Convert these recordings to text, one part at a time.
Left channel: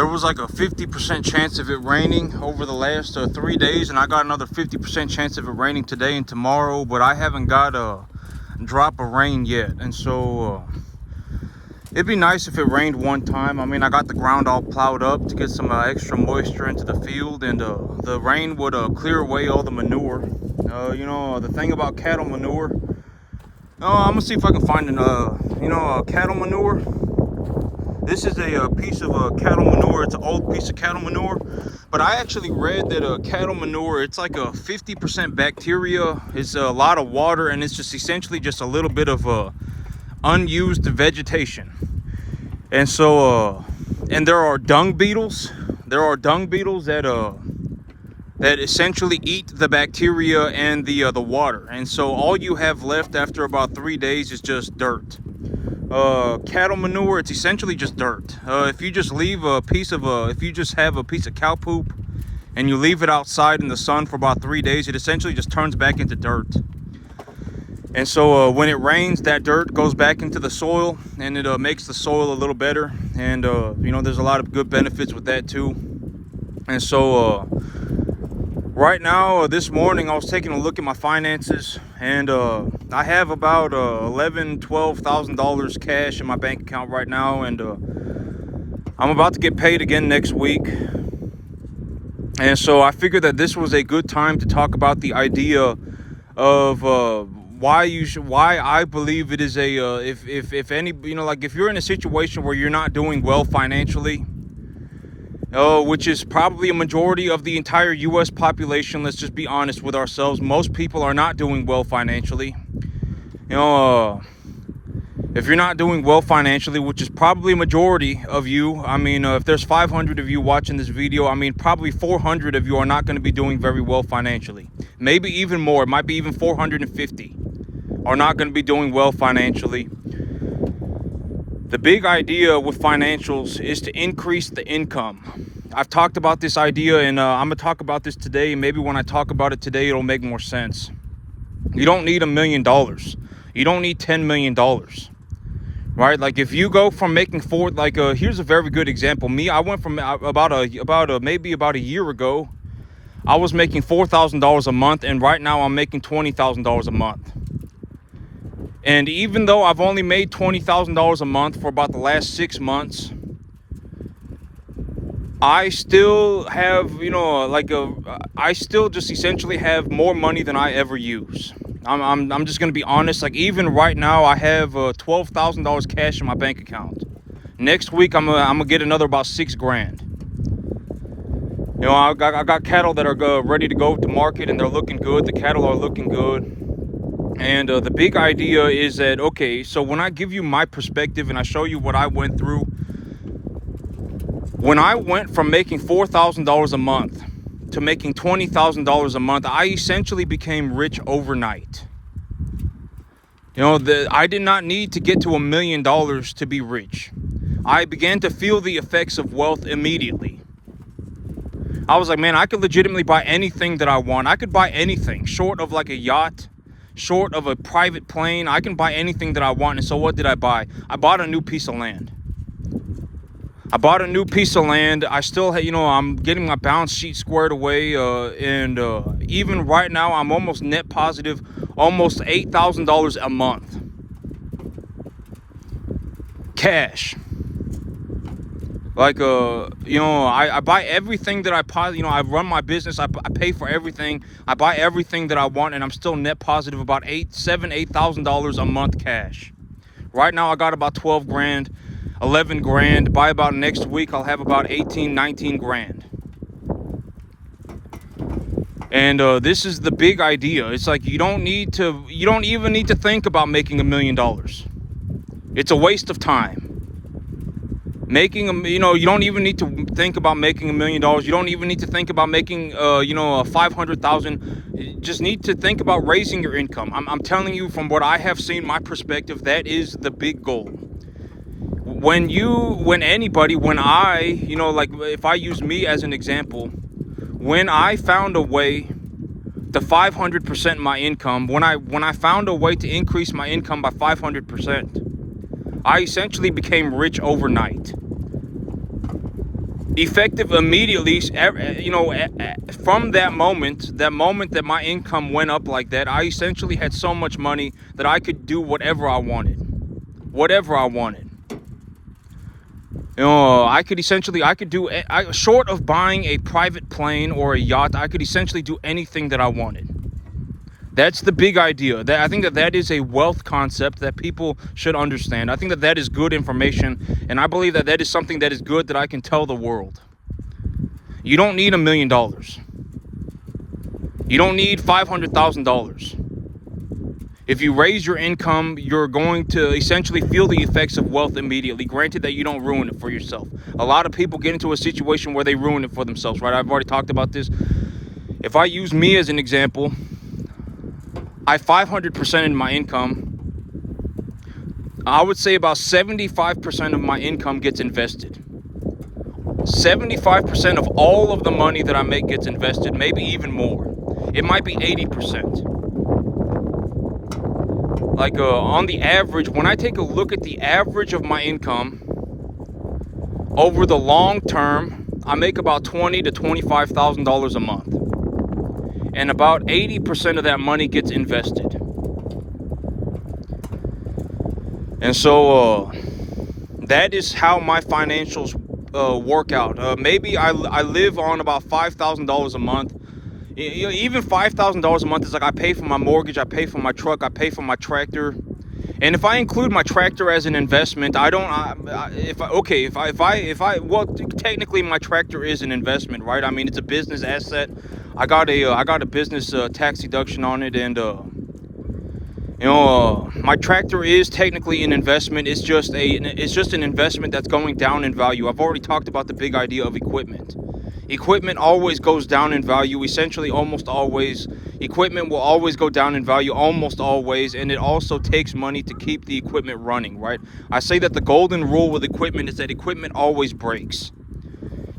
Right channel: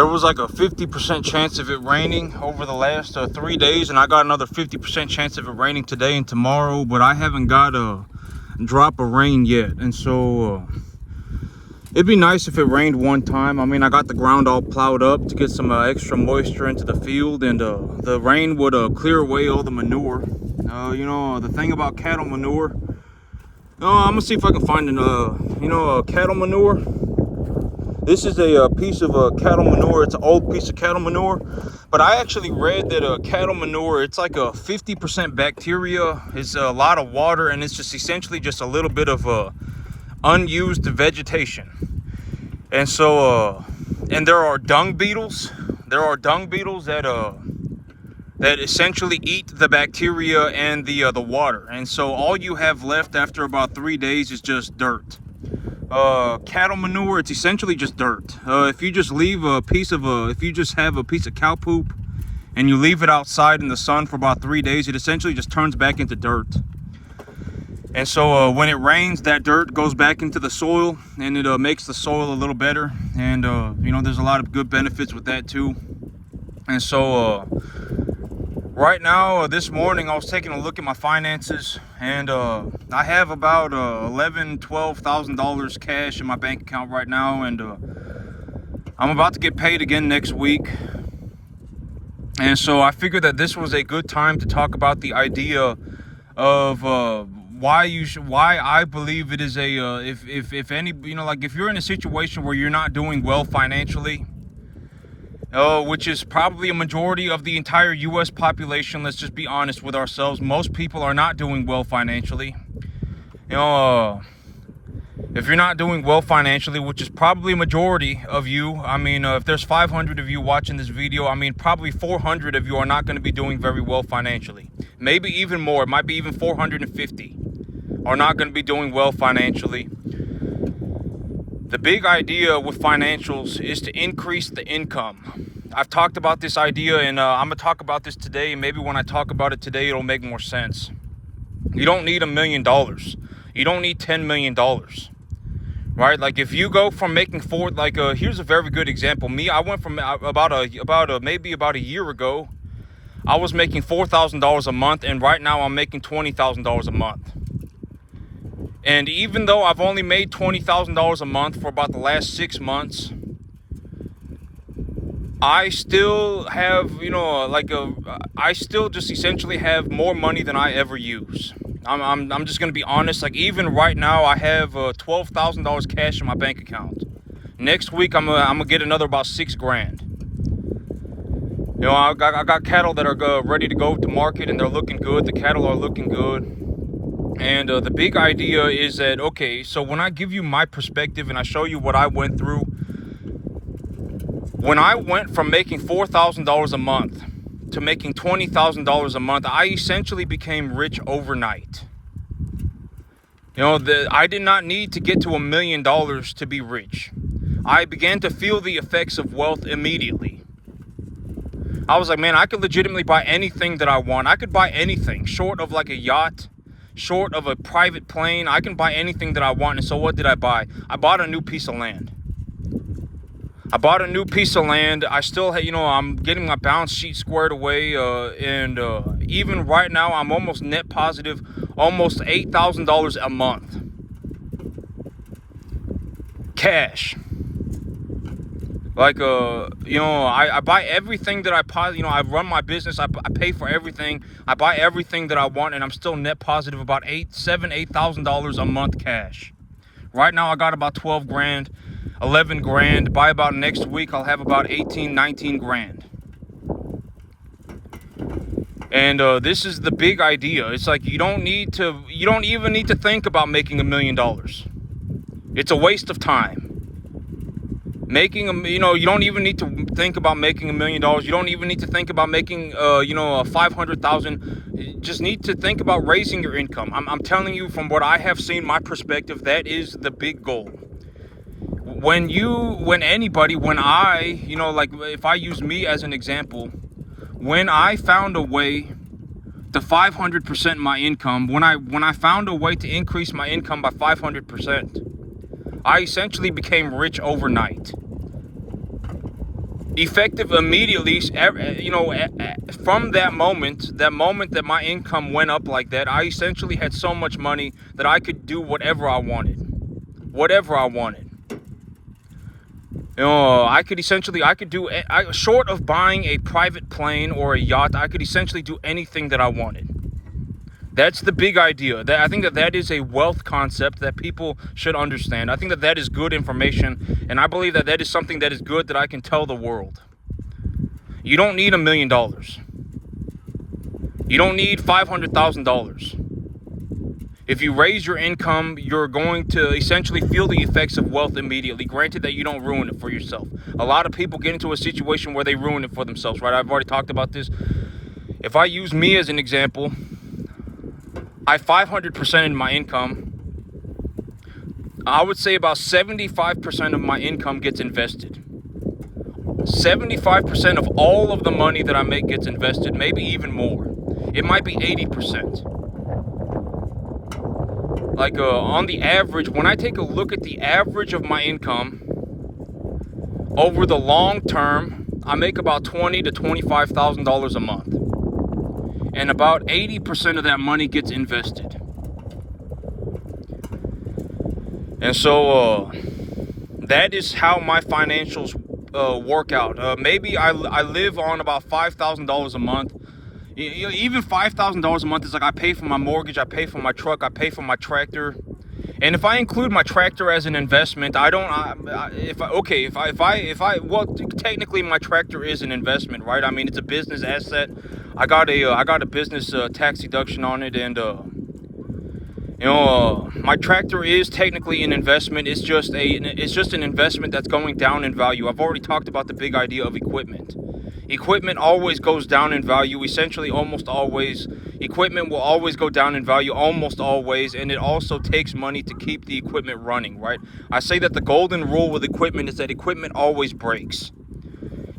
there was like a 50% chance of it raining over the last 3 days, and I got another 50% chance of it raining today and tomorrow, but I haven't got a drop of rain yet. And so it'd be nice if it rained one time. I mean, I got the ground all plowed up to get some extra moisture into the field, and the rain would clear away all the manure. You know, the thing about cattle manure, I'm gonna see if I can find cattle manure. This is a piece of cattle manure. It's an old piece of cattle manure, but I actually read that cattle manure, it's like a 50% bacteria. It's a lot of water, and it's just essentially just a little bit of unused vegetation. And so and there are dung beetles. There are dung beetles that essentially eat the bacteria and the water. And so all you have left after about 3 days is just dirt. Cattle manure, it's essentially just dirt. If you just leave if you just have a piece of cow poop and you leave it outside in the sun for about 3 days, it essentially just turns back into dirt. And so when it rains, that dirt goes back into the soil, and it makes the soil a little better. And you know, there's a lot of good benefits with that too. And so right now, this morning, I was taking a look at my finances, and I have about $11,000-$12,000 cash in my bank account right now, and I'm about to get paid again next week. And so I figured that this was a good time to talk about the idea of why I believe it is a if any, you know, like if you're in a situation where you're not doing well financially, which is probably a majority of the entire US population. Let's just be honest with ourselves. Most people are not doing well financially. You know, if you're not doing well financially, which is probably a majority of you, I mean, if there's 500 of you watching this video, I mean, probably 400 of you are not going to be doing very well financially. Maybe even more. It might be even 450 are not going to be doing well financially. The big idea with financials is to increase the income. I've talked about this idea, and I'm going to talk about this today. And maybe when I talk about it today, it'll make more sense. You don't need $1 million. You don't need $10 million. Right? Like if you go from making here's a very good example. Me, I went from maybe about a year ago, I was making $4,000 a month, and right now I'm making $20,000 a month. And even though I've only made $20,000 a month for about the last 6 months, I still have, you know, I still just essentially have more money than I ever use. I'm just gonna be honest. Like even right now, I have $12,000 cash in my bank account. Next week, I'm gonna get another about $6,000. You know, I got cattle that are ready to go to market, and they're looking good. The cattle are looking good. And the big idea is that, okay, so when I give you my perspective and I show you what I went through, when I went from making $4,000 a month to making $20,000 a month, I essentially became rich overnight. You know, I did not need to get to $1 million to be rich. I began to feel the effects of wealth immediately. I was like, man, I could legitimately buy anything that I want. I could buy anything short of like a yacht, short of a private plane. I can buy anything that I want. And so what did I buy? I bought a new piece of land. I still had, you know, I'm getting my balance sheet squared away. And even right now, I'm almost net positive, almost $8,000 a month. Cash. Like, you know, I buy everything that I run my business. I pay for everything. I buy everything that I want, and I'm still net positive about $8,000 a month cash. Right now, I got about 12 grand, 11 grand. By about next week, I'll have about 18, 19 grand. And this is the big idea. It's like you don't even need to think about making $1 million. It's a waste of time. You don't even need to think about making $1 million. You don't even need to think about making, $500,000. You just need to think about raising your income. I'm telling you, from what I have seen, my perspective, that is the big goal. If I use me as an example, when I found a way to 500% my income, when I found a way to increase my income by 500%, I essentially became rich overnight. effective immediately. From that moment that my income went up like that, I essentially had so much money that I could do whatever I wanted. I could do, short of buying a private plane or a yacht, I could essentially do anything that I wanted. That's the big idea. I think that is a wealth concept that people should understand. I think that is good information, and I believe that is something that is good that I can tell the world. You don't need $1 million. You don't need $500,000. If you raise your income, you're going to essentially feel the effects of wealth immediately. Granted that you don't ruin it for yourself. A lot of people get into a situation where they ruin it for themselves, right? I've already talked about this. If I use me as an example, I 500% in my income. I would say about 75% of my income gets invested. 75% of all of the money that I make gets invested, maybe even more. It might be 80%. Like on the average, when I take a look at the average of my income over the long term, I make about $20,000 to $25,000 a month, and about 80% of that money gets invested. And so that is how my financials work out. Maybe I live on about $5,000 a month. Even $5,000 a month is like I pay for my mortgage, I pay for my truck, I pay for my tractor. And if I include my tractor as an investment, technically my tractor is an investment, right? I mean, it's a business asset. I got a business tax deduction on it, and my tractor is technically an investment. It's just an investment that's going down in value. I've already talked about the big idea of equipment. Equipment always goes down in value, essentially almost always. Equipment will always go down in value, almost always, and it also takes money to keep the equipment running, right? I say that the golden rule with equipment is that equipment always breaks.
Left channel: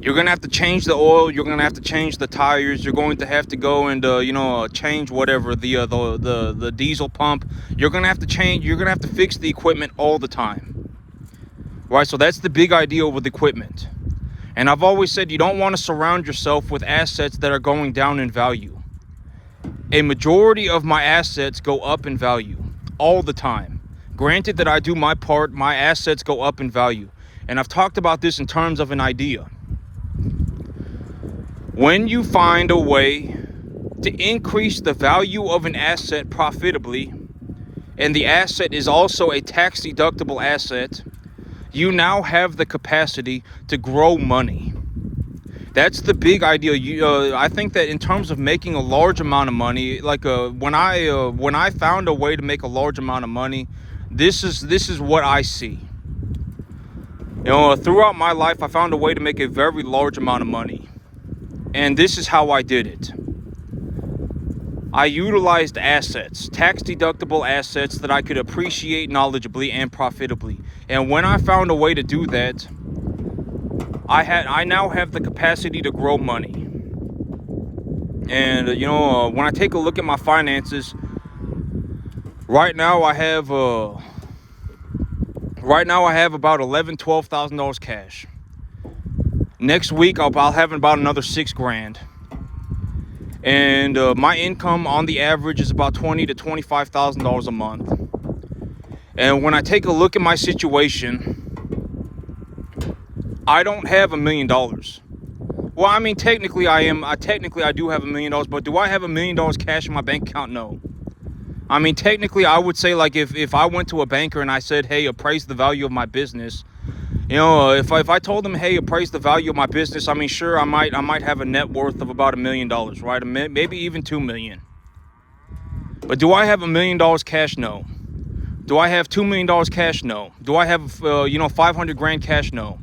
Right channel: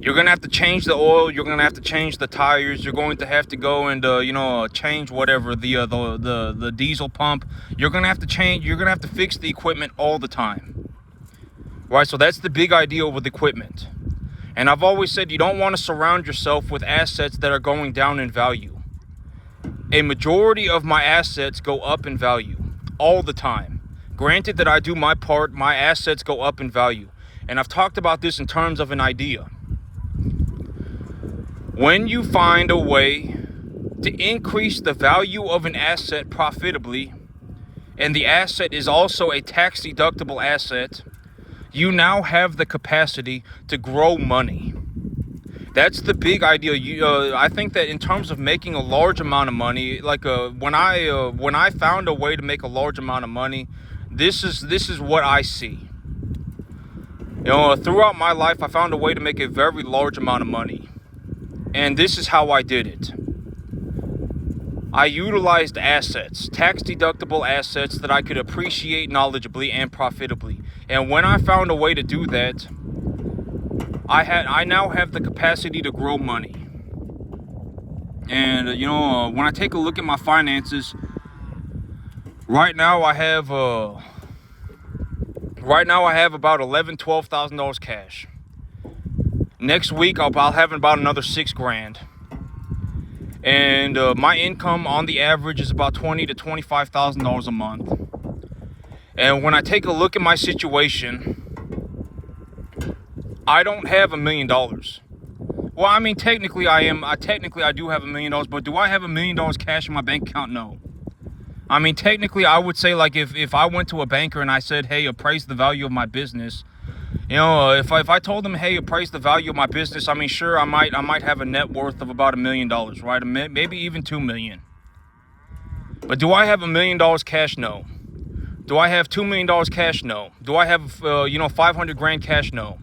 You're going to have to change the oil, you're going to have to change the tires, you're going to have to go and, change whatever, the diesel pump. You're going to have to fix the equipment all the time, right? So that's the big idea with equipment. And I've always said you don't want to surround yourself with assets that are going down in value. A majority of my assets go up in value all the time. Granted that I do my part, my assets go up in value. And I've talked about this in terms of an idea. When you find a way to increase the value of an asset profitably, and the asset is also a tax deductible asset, you now have the capacity to grow money. That's the big idea. I think that in terms of making a large amount of money, like when I found a way to make a large amount of money, this is what I see. Throughout my life, I found a way to make a very large amount of money, and this is how I did it. I utilized assets, tax deductible assets that I could appreciate knowledgeably and profitably. And when I found a way to do that, I now have the capacity to grow money. And when I take a look at my finances, right now I have about $11,000-$12,000 cash. Next week I'll have about another $6,000. And my income on the average is about $20,000 to $25,000 a month. And when I take a look at my situation, I don't have $1 million. Well, I mean, technically I do have $1 million, but do I have $1 million cash in my bank account? No. I mean, technically I would say, like, if I went to a banker and I said, hey, appraise the value of my business, if I told them, hey, appraise the value of my business, I mean, sure, I might have a net worth of about $1 million, right? Maybe even $2 million. But do I have $1 million cash? No. Do I have $2 million cash? No. Do I have $500,000 cash? No.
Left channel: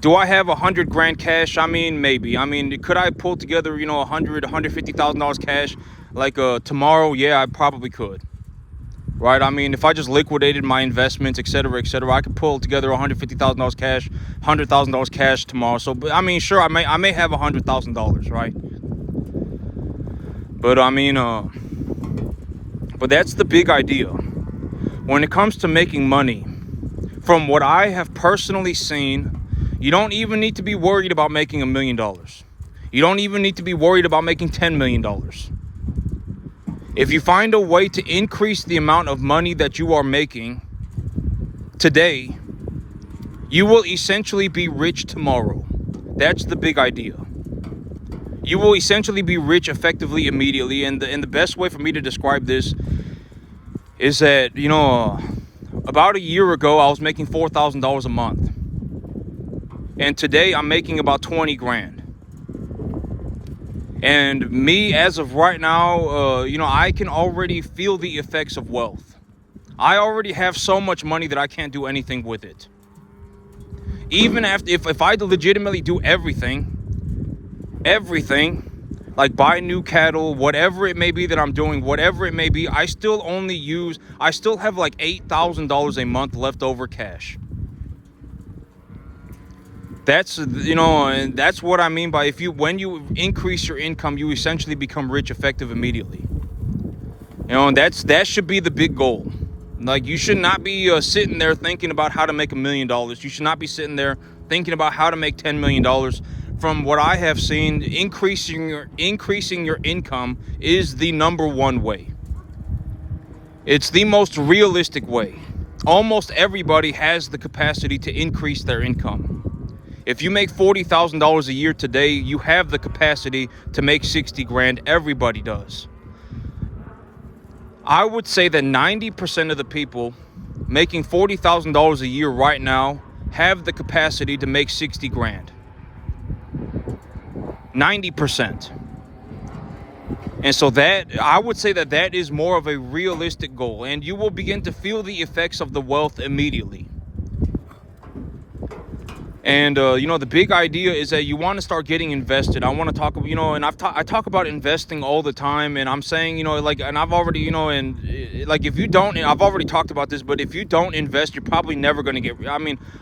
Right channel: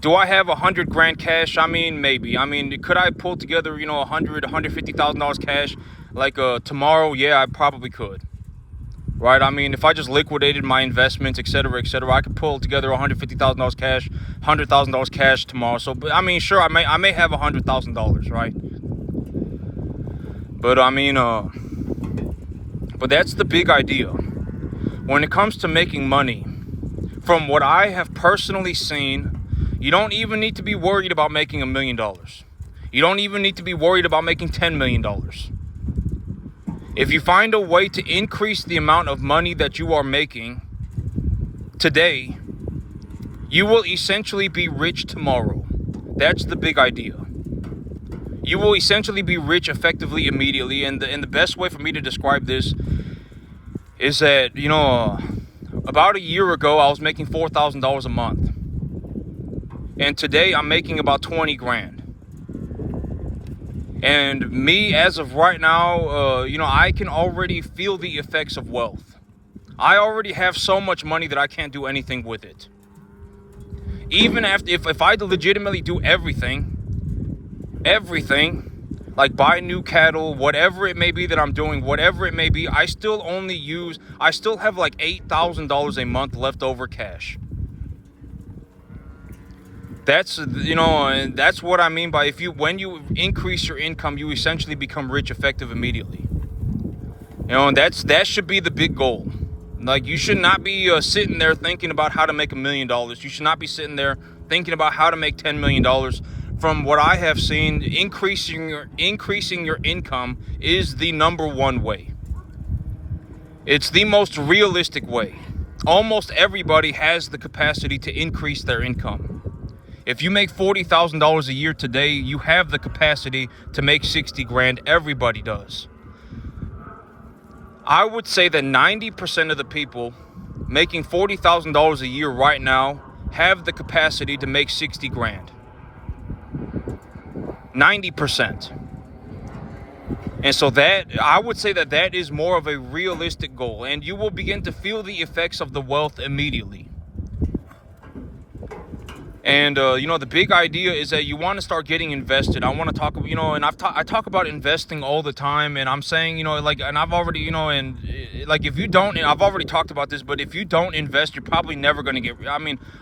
Do I have $100,000 cash? I mean, maybe. I mean, could I pull together $150,000 cash like tomorrow? Yeah, I probably could. Right? I mean, if I just liquidated my investments, etc., I could pull together $150,000 cash, $100,000 cash tomorrow. So, but I mean, sure, I may have $100,000, right? But I mean, but that's the big idea. When it comes to making money, from what I have personally seen, You don't even need to be worried about making $1 million. You don't even need to be worried about making $10 million. If you find a way to increase the amount of money that you are making today, you will essentially be rich tomorrow. That's the big idea. You will essentially be rich effectively immediately. And the best way for me to describe this is that, about a year ago, I was making $4,000 a month. And today I'm making about 20 grand. And me, as of right now, I can already feel the effects of wealth. I already have so much money that I can't do anything with it. Even if I legitimately do everything, like buy new cattle, whatever it may be that I'm doing, whatever it may be, I still have like $8,000 a month left over cash. That's, and that's what I mean by when you increase your income, you essentially become rich effective immediately. And that should be the big goal. Like, you should not be sitting there thinking about how to make $1 million. You should not be sitting there thinking about how to make $10 million. From what I have seen, increasing your income is the number one way. It's the most realistic way. Almost everybody has the capacity to increase their income. If you make $40,000 a year today, you have the capacity to make 60 grand. Everybody does. I would say that 90% of the people making $40,000 a year right now have the capacity to make 60 grand. 90%. And so I would say that is more of a realistic goal, and you will begin to feel the effects of the wealth immediately. And, the big idea is that you want to start getting invested. I want to talk, and I talk about investing all the time. And I'm saying, and I've already, if you don't, I've already talked about this, but if you don't invest, you're probably never going to get,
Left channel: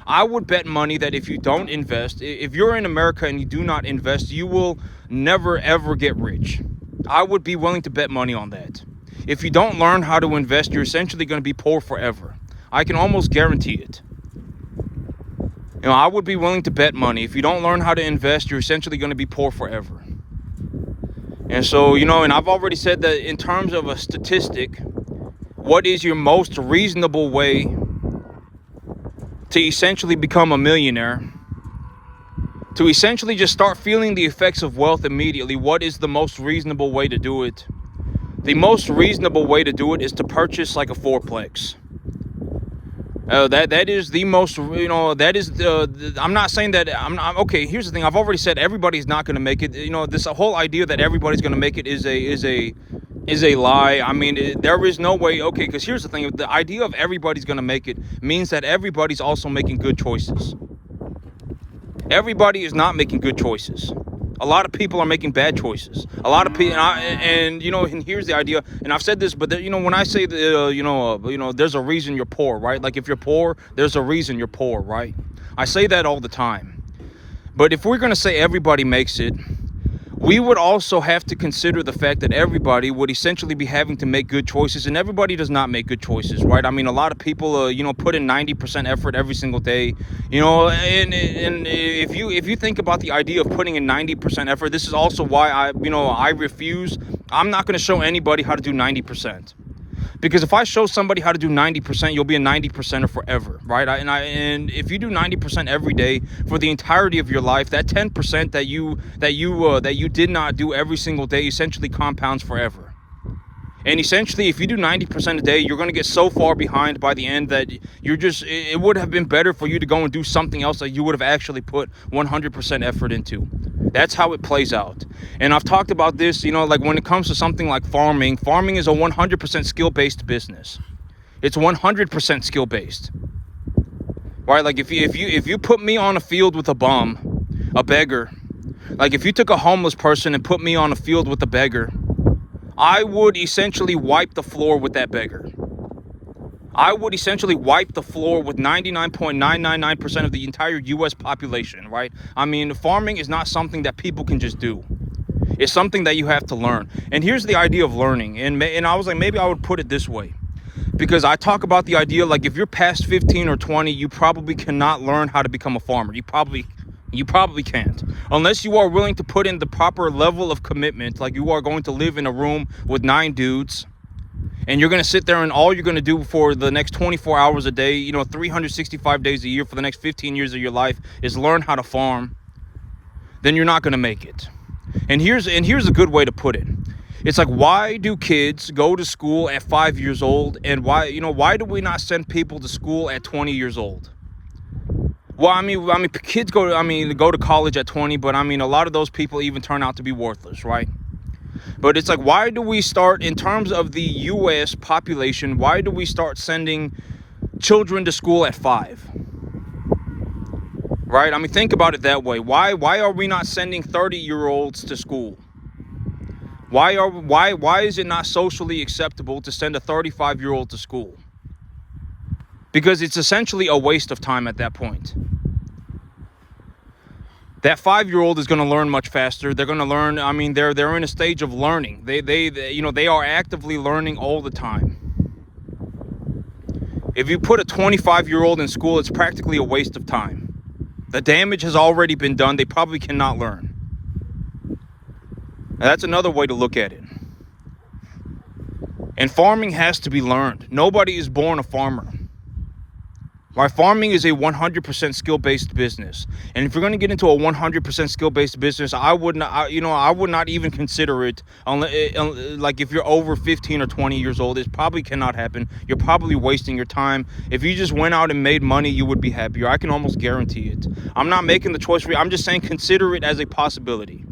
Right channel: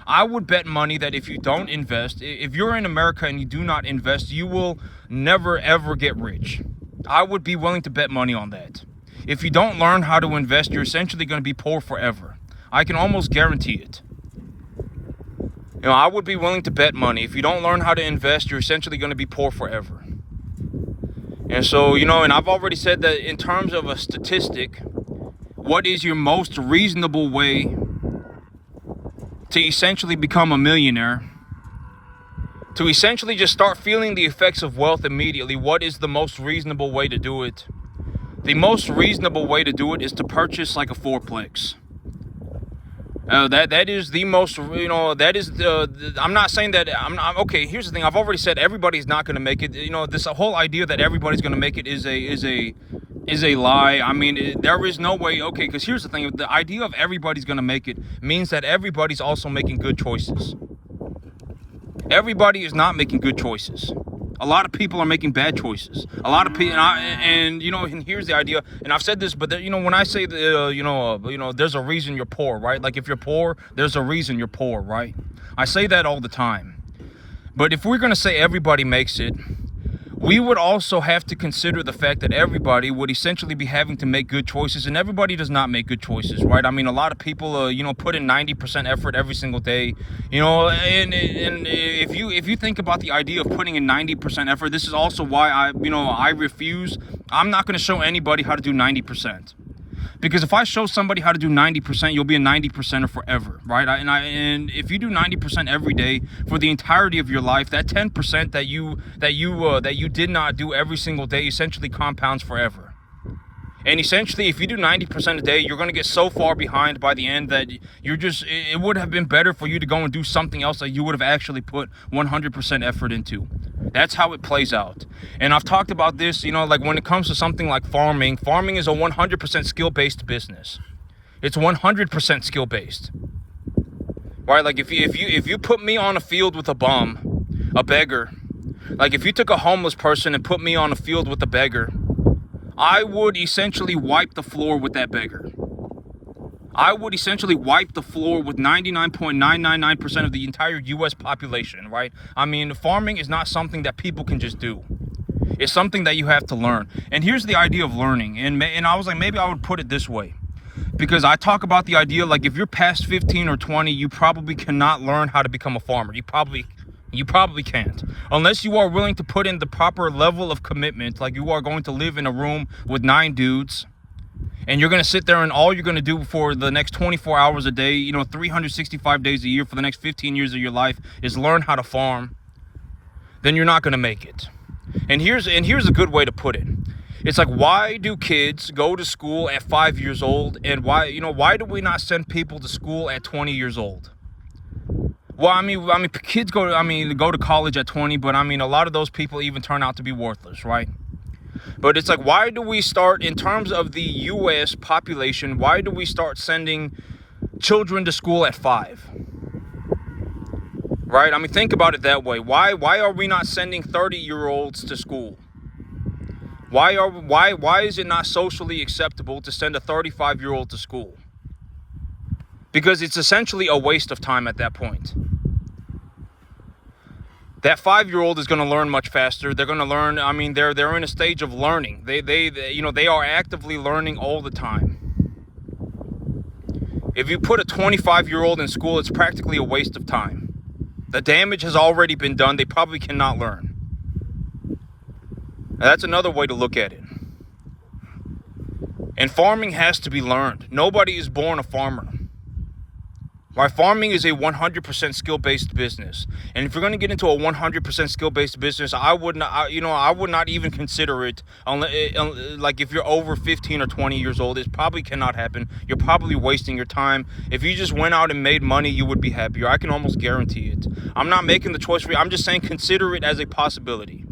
I would bet money that if you don't invest, if you're in America and you do not invest, you will never, ever get rich. I would be willing to bet money on that. If you don't learn how to invest, you're essentially going to be poor forever. I can almost guarantee it. I would be willing to bet money. If you don't learn how to invest, you're essentially going to be poor forever. And so, and I've already said that in terms of a statistic, what is your most reasonable way to essentially become a millionaire? To essentially just start feeling the effects of wealth immediately, what is the most reasonable way to do it? The most reasonable way to do it is to purchase like a fourplex. That is the most, I'm not saying that, okay, here's the thing. I've already said everybody's not going to make it. This whole idea that everybody's going to make it is a lie. There is no way, okay, because here's the thing. The idea of everybody's going to make it means that everybody's also making good choices. Everybody is not making good choices. A lot of people are making bad choices. A lot of people, and here's the idea. And I've said this, but when I say there's a reason you're poor, right? Like, if you're poor, there's a reason you're poor, right? I say that all the time. But if we're going to say everybody makes it, we would also have to consider the fact that everybody would essentially be having to make good choices, and everybody does not make good choices, right? A lot of people, put in 90% effort every single day, and if you think about the idea of putting in 90% effort, this is also why I refuse. I'm not going to show anybody how to do 90%. Because if I show somebody how to do 90%, you'll be a 90%er forever, right? And if you do 90% every day for the entirety of your life, that 10% that you did not do every single day essentially compounds forever. And essentially, if you do 90% a day, you're going to get so far behind by the end that it would have been better for you to go and do something else that you would have actually put 100% effort into. That's how it plays out. And I've talked about this, like when it comes to something like farming is a 100% skill-based business. It's 100% skill-based. Right? Like if you put me on a field with a bum, a beggar, like if you took a homeless person and put me on a field with a beggar, I would essentially wipe the floor with that beggar. I would essentially wipe the floor with 99.999% of the entire U.S. population, right? Farming is not something that people can just do. It's something that you have to learn. And here's the idea of learning. And I was like, maybe I would put it this way. Because I talk about the idea, like, if you're past 15 or 20, you probably cannot learn how to become a farmer. You probably can't, unless you are willing to put in the proper level of commitment. Like, you are going to live in a room with 9 dudes, and you're going to sit there, and all you're going to do for the next 24 hours a day, you know, 365 days a year for the next 15 years of your life is learn how to farm. Then you're not going to make it. And here's a good way to put it. It's like, why do kids go to school at 5 years old, and why do we not send people to school at 20 years old? Well, I mean, kids go to college at 20, but I mean, a lot of those people even turn out to be worthless, right? But it's like, why do we start, in terms of the U.S. population, why do we start sending children to school at 5? Right? I mean, think about it that way. Why are we not sending 30-year-olds to school? Why is it not socially acceptable to send a 35-year-old to school? Because it's essentially a waste of time at that point. That 5-year-old is going to learn much faster. They're going to learn. I mean, they're in a stage of learning. They are actively learning all the time. If you put a 25-year-old in school, it's practically a waste of time. The damage has already been done. They probably cannot learn. Now, that's another way to look at it. And farming has to be learned. Nobody is born a farmer. Right? Farming is a 100% skill-based business. And if you're going to get into a 100% skill-based business, I would not even consider it, like, if you're over 15 or 20 years old. It probably cannot happen. You're probably wasting your time. If you just went out and made money, you would be happier. I can almost guarantee it. I'm not making the choice for you. I'm just saying, consider it as a possibility.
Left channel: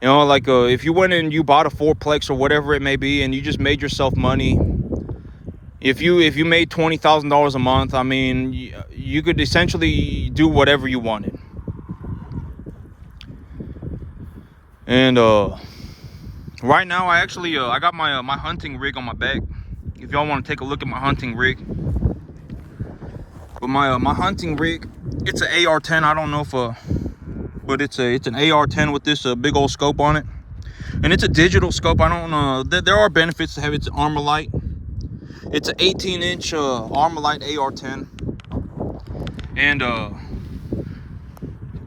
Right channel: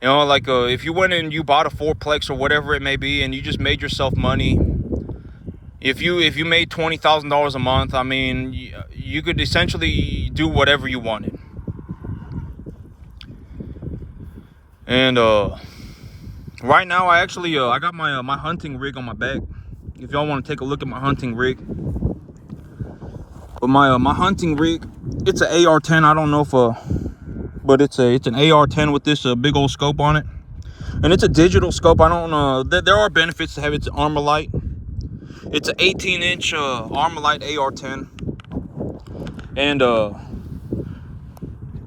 You know, like, if you went and you bought a fourplex or whatever it may be, and you just made yourself money, if you made $20,000 a month, I mean, you could essentially do whatever you wanted. And right now, I actually I got my hunting rig on my back. If y'all want to take a look at my hunting rig, but my hunting rig, it's an AR-10. I don't know if but it's an AR-10 with this big old scope on it, and it's a digital scope. I don't know. There are benefits to have it. It's Armalite. It's an 18-inch Armalite AR-10, and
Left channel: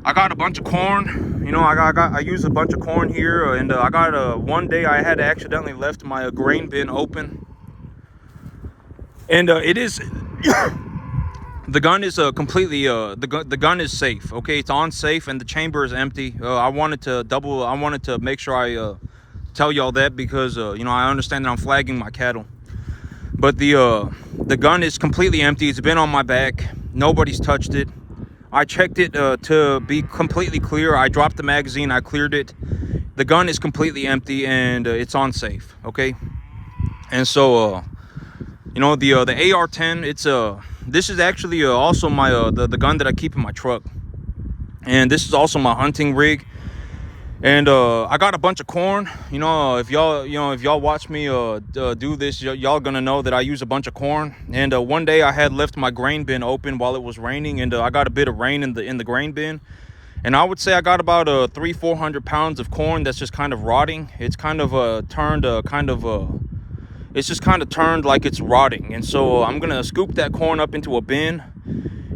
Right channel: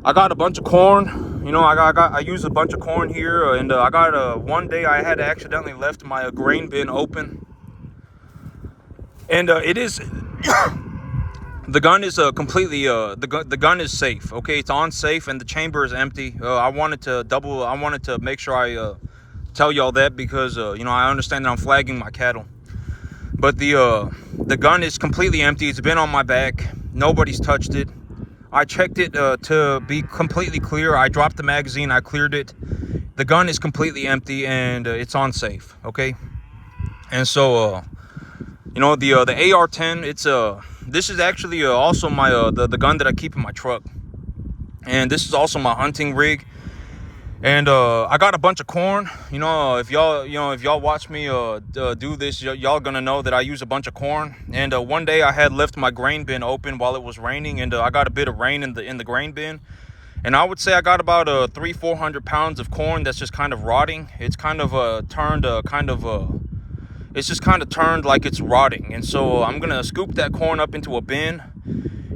I got a bunch of corn. You know, I used a bunch of corn here, and I got one day I had accidentally left my grain bin open, and it is. The gun is completely the gun is safe. Okay, it's on safe, and the chamber is empty. I wanted to make sure I tell y'all that, because I understand that I'm flagging my cattle, but the gun is completely empty. It's been on my back. Nobody's touched it. I checked it to be completely clear. I dropped the magazine. I cleared it. The gun is completely empty, and it's on safe. Okay, and so the AR-10, this is actually also my the gun that I keep in my truck, and this is also my hunting rig. And I got a bunch of corn. If y'all watch me do this, y'all gonna know that I use a bunch of corn. And one day I had left my grain bin open while it was raining, and I got a bit of rain in the grain bin, and I would say I got about 300-400 pounds of corn that's just kind of rotting. It's kind of turned it's just kind of turned like it's rotting. And so I'm gonna scoop that corn up into a bin,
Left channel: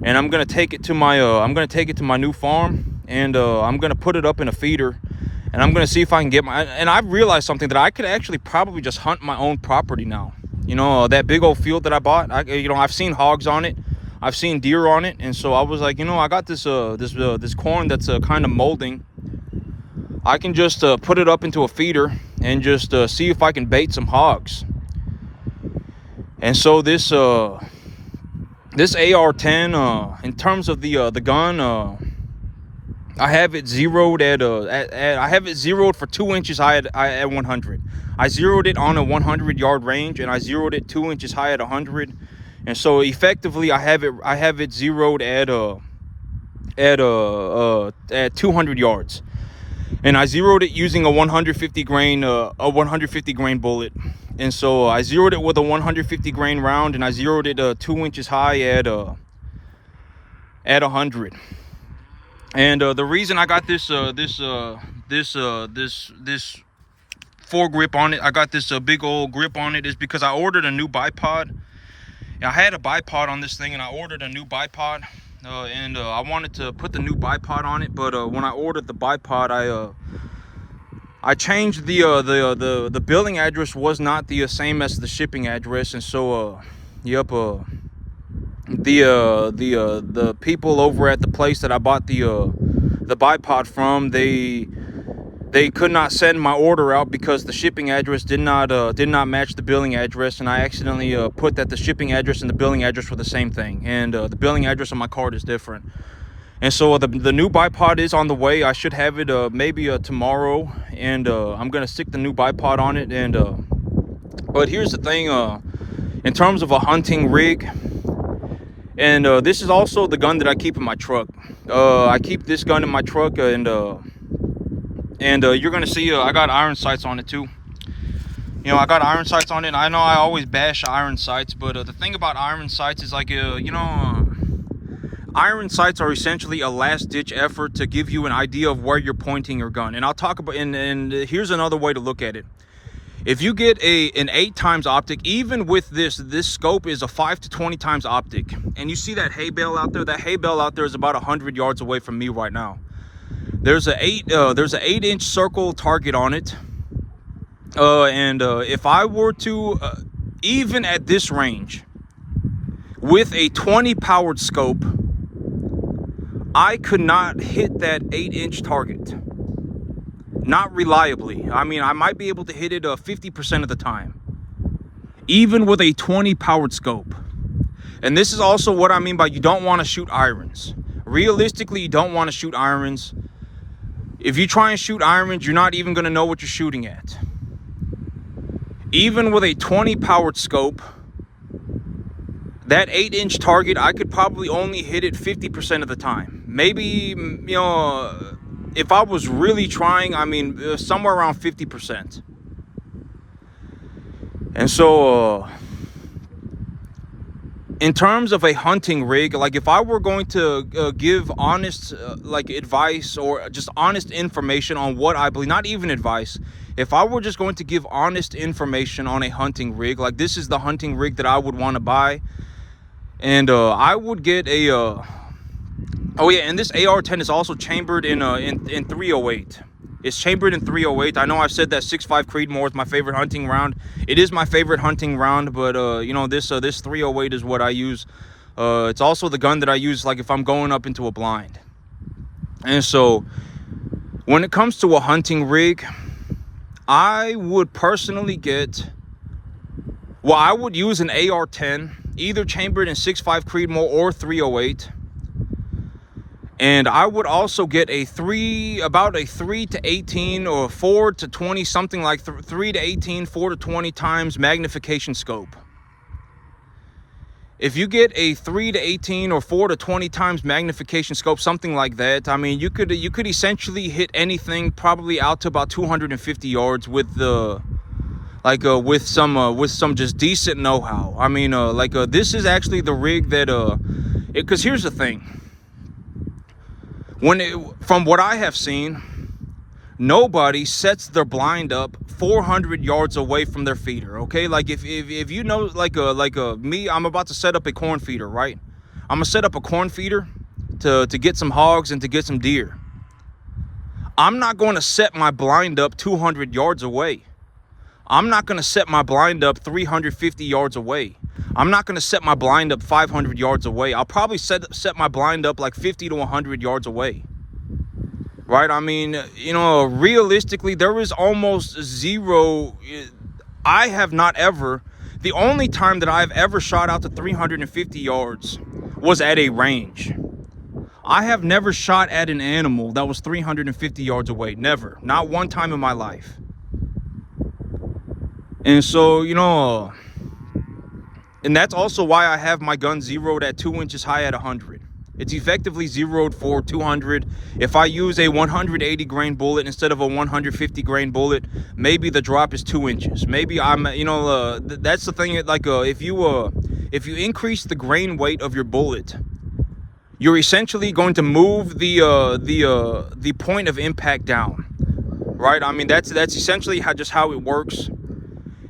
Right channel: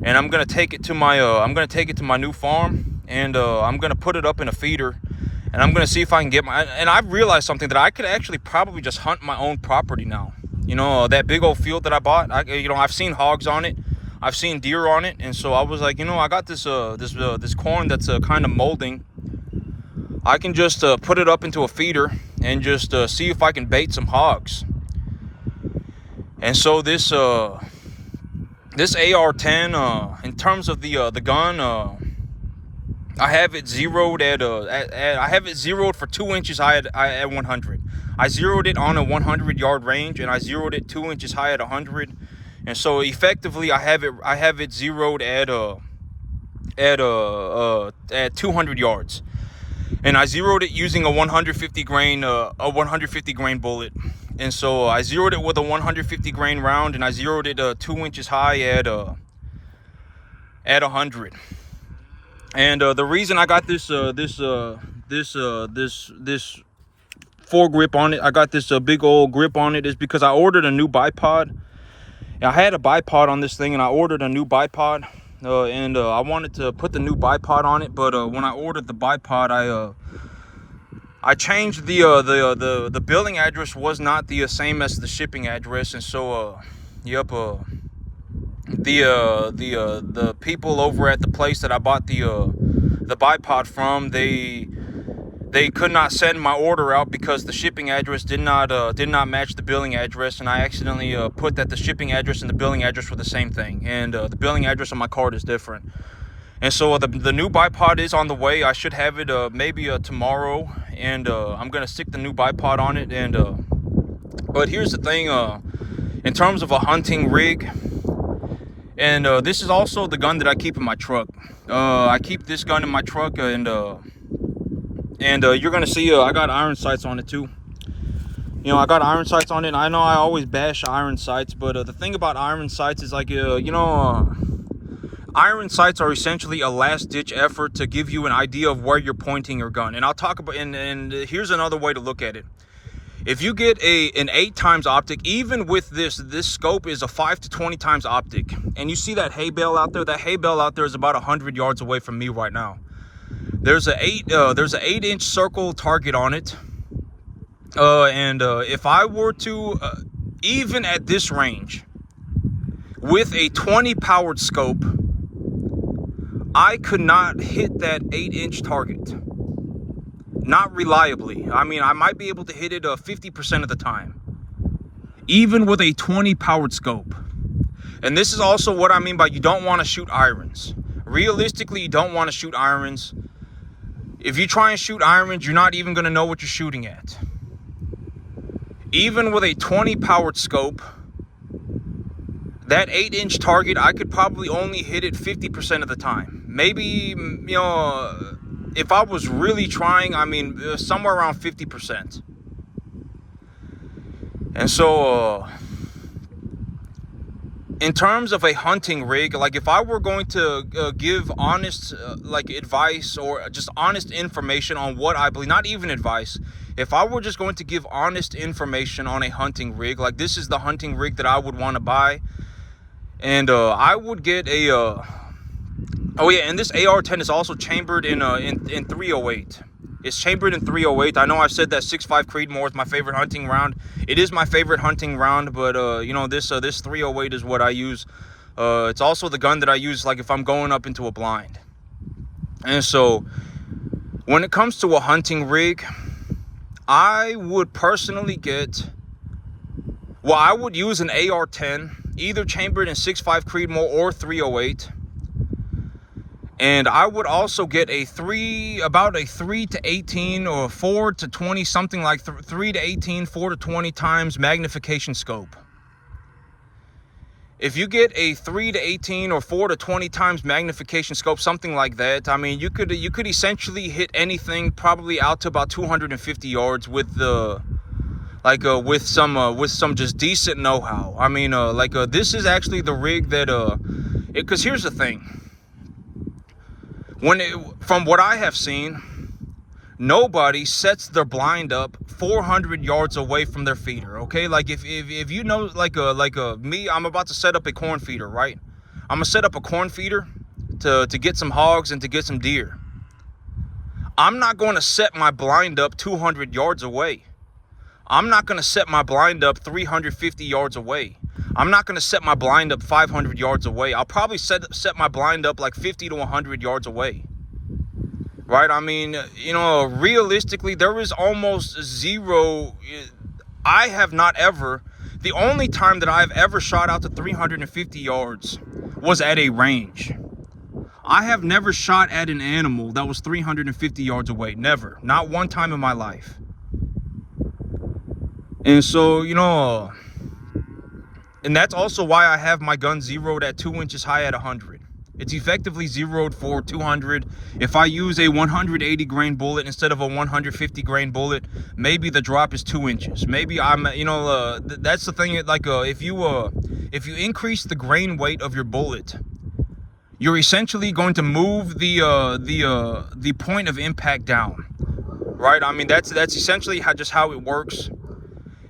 and I'm gonna take it to my new farm, and I'm gonna put it up in a feeder, and I'm gonna see if I can get and I've realized something, that I could actually probably just hunt my own property now. That big old field that I bought, I've seen hogs on it, I've seen deer on it, and so I was like, I got this corn that's kind of molding. I can just put it up into a feeder and just see if I can bait some hogs. And so this AR-10, in terms of the gun, I have it zeroed for 2 inches high at 100. I zeroed it on a 100-yard range, and I zeroed it 2 inches high at 100. And so effectively, I have it zeroed at 200 yards. And I zeroed it using a 150 grain bullet. And so I zeroed it with a 150 grain round, and I zeroed it 2 inches high at 100. And the reason I got this foregrip on it. I got this big old grip on it is because I ordered a new bipod. I had a bipod on this thing and I ordered a new bipod, and I wanted to put the new bipod on it, but when I ordered the bipod, I changed the billing address was not the same as the shipping address, and so the people over at the place that I bought the bipod from, they could not send my order out because the shipping address did not match the billing address, and I accidentally put that the shipping address and the billing address were the same thing, and the billing address on my card is different. And so the new bipod is on the way. I should have it maybe tomorrow, and I'm gonna stick the new bipod on it. And but here's the thing, in terms of a hunting rig, and this is also the gun that I keep in my truck. I keep this gun in my truck, and you're gonna see I got iron sights on it too. You know, I got iron sights on it, and I know I always bash iron sights, but the thing about iron sights is like, iron sights are essentially a last-ditch effort to give you an idea of where you're pointing your gun. And I'll talk about, and here's another way to look at it. If you get an 8x optic, even with this scope is a 5 to 20 times optic, and you see that hay bale out there, that hay bale out there is about 100 yards away from me right now. There's an 8-inch circle target on it, and if I were to even at this range with a 20 powered scope, I could not hit that 8-inch target. Not reliably. I mean, I might be able to hit it 50% of the time, even with a 20 powered scope. And this is also what I mean by you don't want to shoot irons. Realistically, you don't want to shoot irons. If you try and shoot irons, you're not even going to know what you're shooting at. Even with a 20 powered scope, that 8-inch target, I could probably only hit it 50% of the time. Maybe, if I was really trying, I mean, somewhere around 50%. And so, in terms of a hunting rig, like if I were going to give honest like advice or just honest information on what I believe, not even advice, if I were just going to give honest information on a hunting rig, like this is the hunting rig that I would want to buy. And I would get a oh yeah, and this AR-10 is also chambered in 308. It's chambered in 308. I know I've said that 6.5 Creedmoor is my favorite hunting round. It is my favorite hunting round, but this 308 is what I use. It's also the gun that I use like if I'm going up into a blind. And so when it comes to a hunting rig, I would personally I would use an AR-10, either chambered in 6.5 Creedmoor or 308. And I would also get about a 3 to 18 or 4 to 20, something like 3 to 18, 4 to 20 times magnification scope. If you get a 3 to 18 or 4 to 20 times magnification scope, something like that, I mean, you could essentially hit anything probably out to about 250 yards with with some just decent know-how. I mean, this is actually the rig that because here's the thing. From what I have seen, nobody sets their blind up 400 yards away from their feeder. Okay, like if you know, me, I'm about to set up a corn feeder, right? I'm gonna set up a corn feeder to get some hogs and to get some deer. I'm not going to set my blind up 200 yards away. I'm not going to set my blind up 350 yards away. I'm not going to set my blind up 500 yards away. I'll probably set my blind up like 50 to 100 yards away. Right? I mean, realistically, there is almost zero. I have not ever, the only time that I've ever shot out to 350 yards was at a range. I have never shot at an animal that was 350 yards away. Never. Not one time in my life. And so, and that's also why I have my gun zeroed at 2 inches high at 100. It's effectively zeroed for 200. If I use a 180 grain bullet instead of a 150 grain bullet, maybe the drop is 2 inches. Maybe I'm, that's the thing. Like, if you increase the grain weight of your bullet, you're essentially going to move the point of impact down. right? I mean, that's essentially how it works.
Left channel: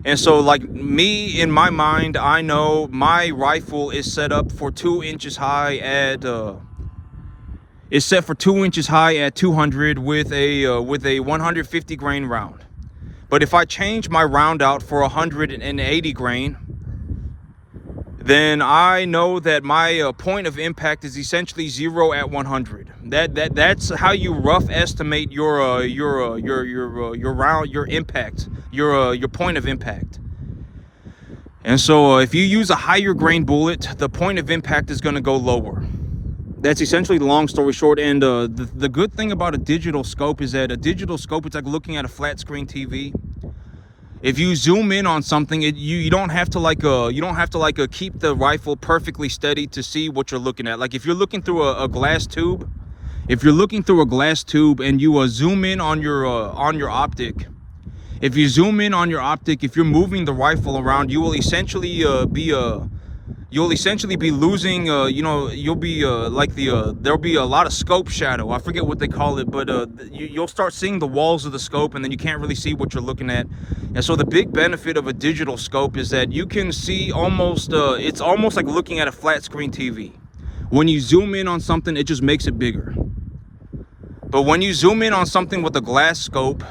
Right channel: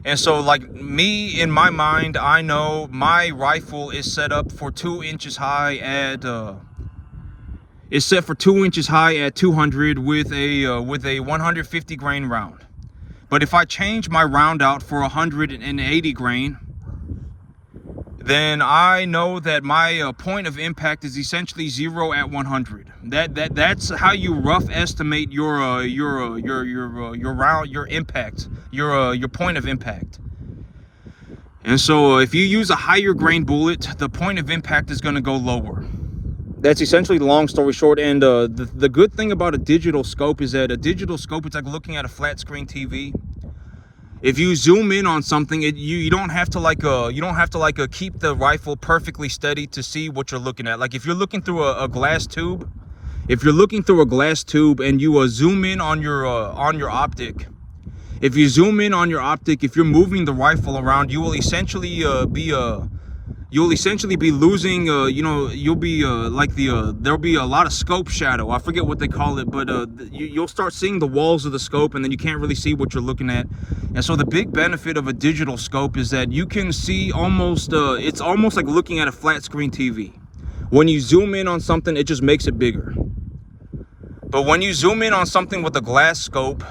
And so, like me, in my mind, I know my rifle is set up for 2 inches high at it's set for 2 inches high at 200 with a 150 grain round. But if I change my round out for 180 grain, then I know that my point of impact is essentially 0 at 100. That's how you rough estimate your round, your impact, your point of impact. And so if you use a higher grain bullet, the point of impact is going to go lower. That's essentially the long story short. And the good thing about a digital scope is that a digital scope, it's like looking at a flat screen TV. If you zoom in on something, you don't have to keep the rifle perfectly steady to see what you're looking at. Like if you're looking through a glass tube, and you zoom in on your optic, if you zoom in on your optic, if you're moving the rifle around, you will essentially be losing, there'll be a lot of scope shadow. I forget what they call it, but you'll start seeing the walls of the scope, and then you can't really see what you're looking at. And so the big benefit of a digital scope is that you can see it's almost like looking at a flat screen TV. When you zoom in on something, it just makes it bigger. But when you zoom in on something with a glass scope,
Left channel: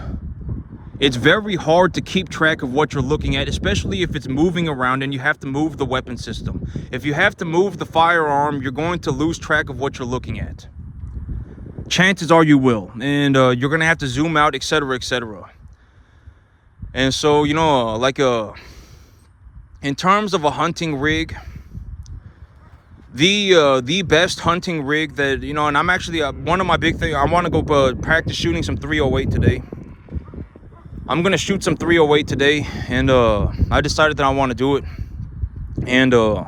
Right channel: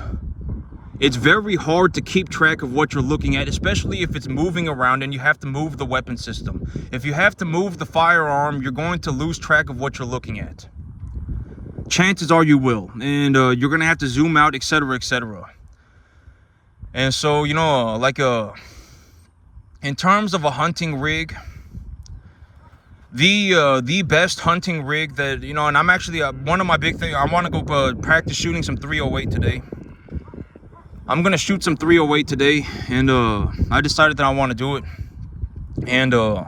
it's very hard to keep track of what you're looking at, especially if it's moving around and you have to move the weapon system. If you have to move the firearm, you're going to lose track of what you're looking at. Chances are you will, and you're going to have to zoom out, etc., etc. And so, in terms of a hunting rig, the best hunting rig that, and I'm actually, one of my big things, I want to go practice shooting some 308 today. I'm gonna shoot some 308 today, and I decided that I want to do it. And the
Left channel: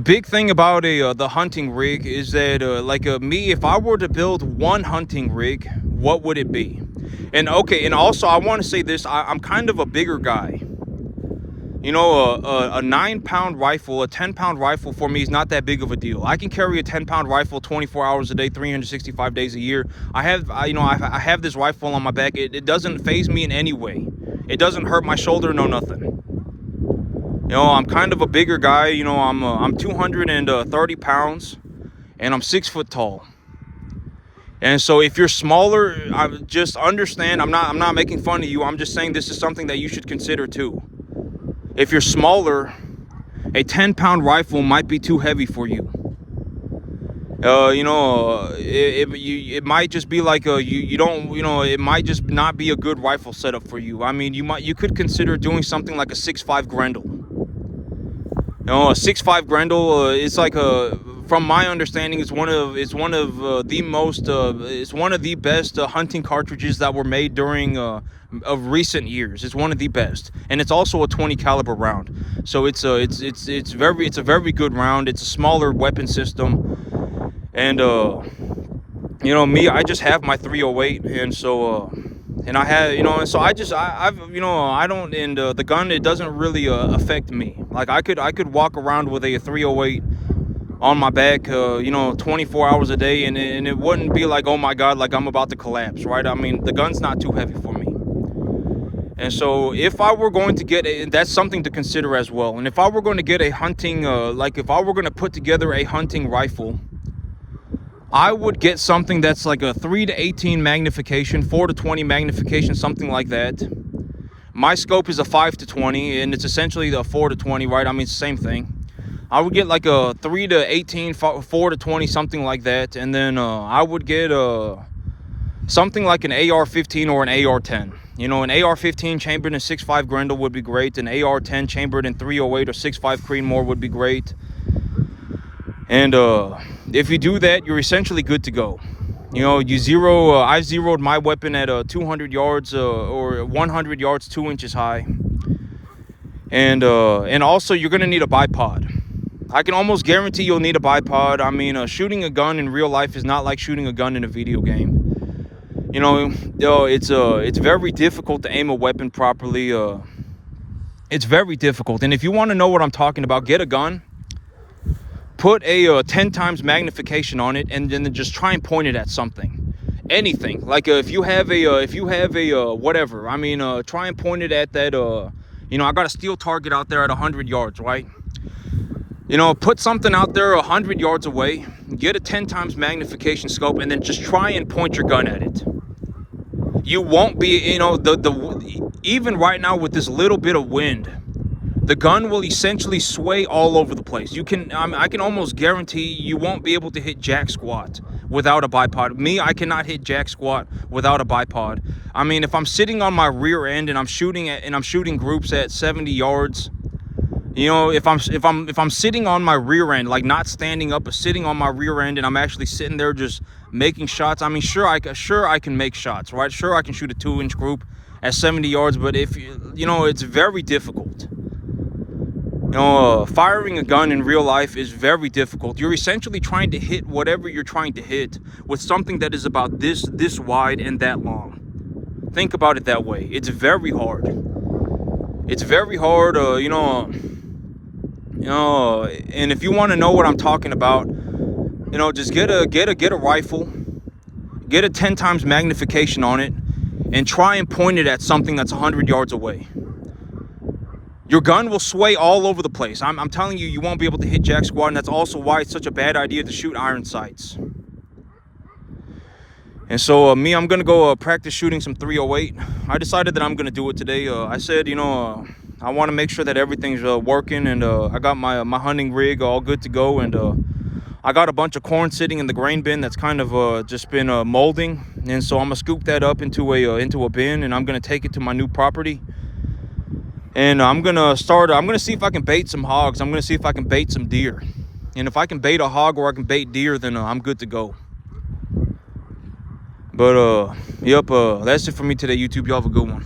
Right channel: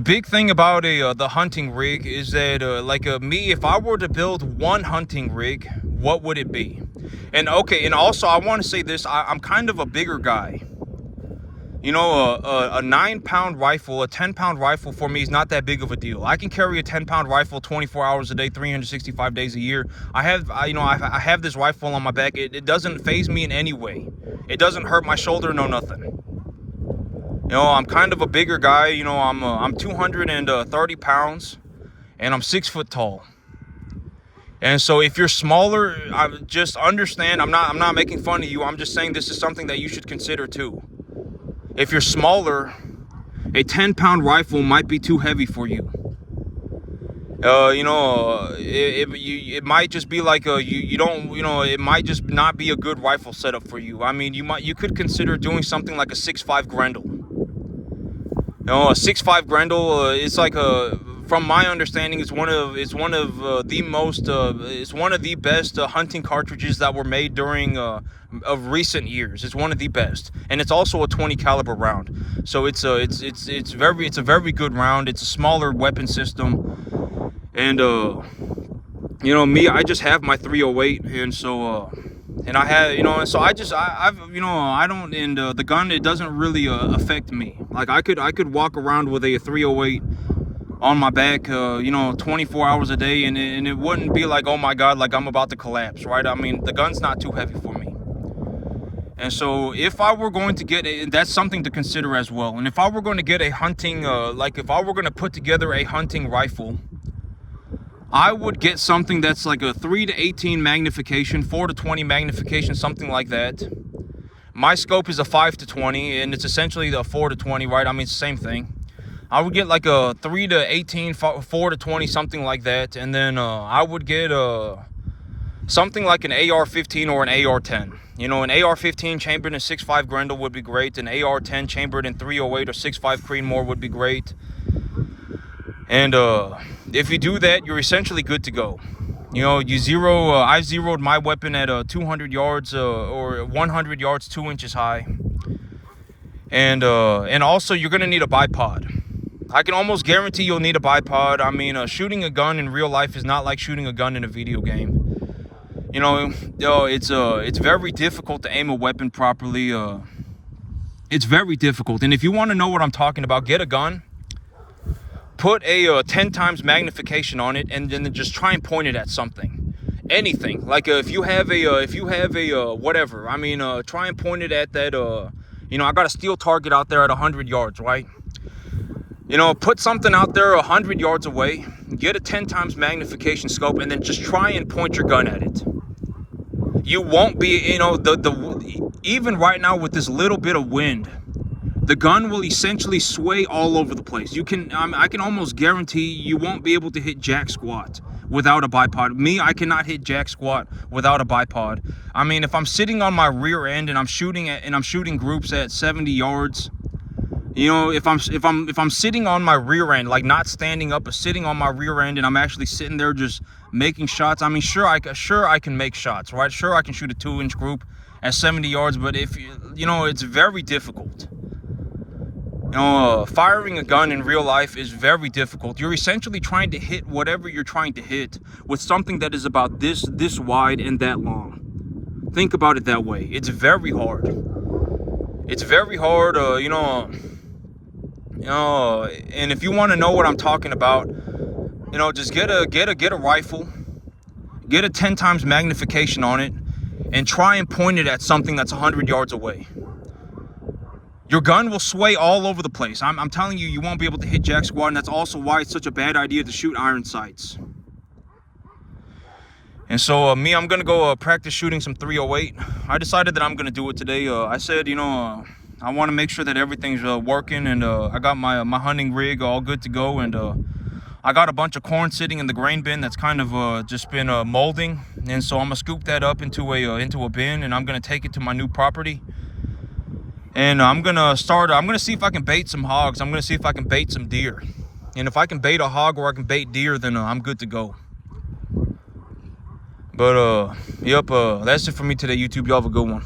big thing about the hunting rig is that me, if I were to build one hunting rig, what would it be? And okay, and also I want to say this, I'm kind of a bigger guy. A 9-pound rifle, a 10-pound rifle for me is not that big of a deal. I can carry a 10-pound rifle 24 hours a day, 365 days a year. I have this rifle on my back. It doesn't faze me in any way. It doesn't hurt my shoulder, no nothing. I'm kind of a bigger guy. I'm 230 pounds, and I'm 6 foot tall. And so if you're smaller, just understand, I'm not making fun of you. I'm just saying this is something that you should consider too. If you're smaller, a 10-pound rifle might be too heavy for you. It might just be like it might just not be a good rifle setup for you. I mean, you could consider doing something like a 6.5 Grendel. A 6.5 Grendel, it's like from my understanding, it's one of the best hunting cartridges that were made during of recent years. It's one of the best, and it's also a 20 caliber round. So it's a very good round. It's a smaller weapon system, and me, I just have my 308, and so and I have, and so I don't, and the gun, it doesn't really affect me. Like I could walk around with a 308 on my back 24 hours a day, and it wouldn't be like, oh my god, like I'm about to collapse, right? I mean, the gun's not too heavy for me. And so if I were going to get that's something to consider as well. And if I were going to get a hunting if I were going to put together a hunting rifle, I would get something that's like a 3 to 18 magnification, 4 to 20 magnification, something like that. My scope is a 5 to 20, and it's essentially the 4 to 20, right? I mean, it's the same thing. I would get like a 3 to 18, 4 to 20, something like that. And then I would get something like an AR-15 or an AR-10. An AR-15 chambered in 6.5 Grendel would be great. An AR-10 chambered in 308 or 6.5 Creedmoor would be great. And if you do that, you're essentially good to go. I zeroed my weapon at 200 yards or 100 yards, 2 inches high. And also you're gonna need a bipod. I can almost guarantee you'll need a bipod. I mean, shooting a gun in real life is not like shooting a gun in a video game. It's very difficult to aim a weapon properly. It's very difficult. And if you want to know what I'm talking about, get a gun, put a 10 times magnification on it, and then just try and point it at something. anything. Like if you have a whatever, I mean, try and point it at that, you know, I got a steel target out there at 100 yards, right? You know, put something out there 100 yards away, get a 10 times magnification scope, and then just try and point your gun at it. You won't be, you know, even right now with this little bit of wind, the gun will essentially sway all over the place. You can, I can almost guarantee you won't be able to hit jack squat without a bipod. Me, I cannot hit jack squat without a bipod. I mean, if I'm sitting on my rear end and I'm shooting groups at 70 yards, you know, if I'm sitting on my rear end, like not standing up, but sitting on my rear end, and I'm actually sitting there just making shots. I mean, sure I can make shots, right? Sure, I can shoot a 2-inch group at 70 yards, but if you know, it's very difficult. You know, firing a gun in real life is very difficult. You're essentially trying to hit whatever you're trying to hit with something that is about this wide and that long. Think about it that way. It's very hard. It's very hard, you know, and if you want to know what I'm talking about, you know, just get a rifle, get a 10 times magnification on it, and try and point it at something that's 100 yards away. Your gun will sway all over the place. I'm telling you, you won't be able to hit jack squat, and that's also why it's such a bad idea to shoot iron sights. And so I'm gonna go practice shooting some 308. I decided that I'm gonna do it today. I said, you know, I want to make sure that everything's working, and I got my hunting rig all good to go, and I got a bunch of corn sitting in the grain bin that's kind of just been molding, and so I'm gonna scoop that up into a bin, and I'm gonna take it to my new property. And I'm gonna see if I can bait some hogs. I'm gonna see if I can bait some deer. And if I can bait a hog or I can bait deer, then I'm good to go. But yep, that's it for me today, YouTube. Y'all have a good one.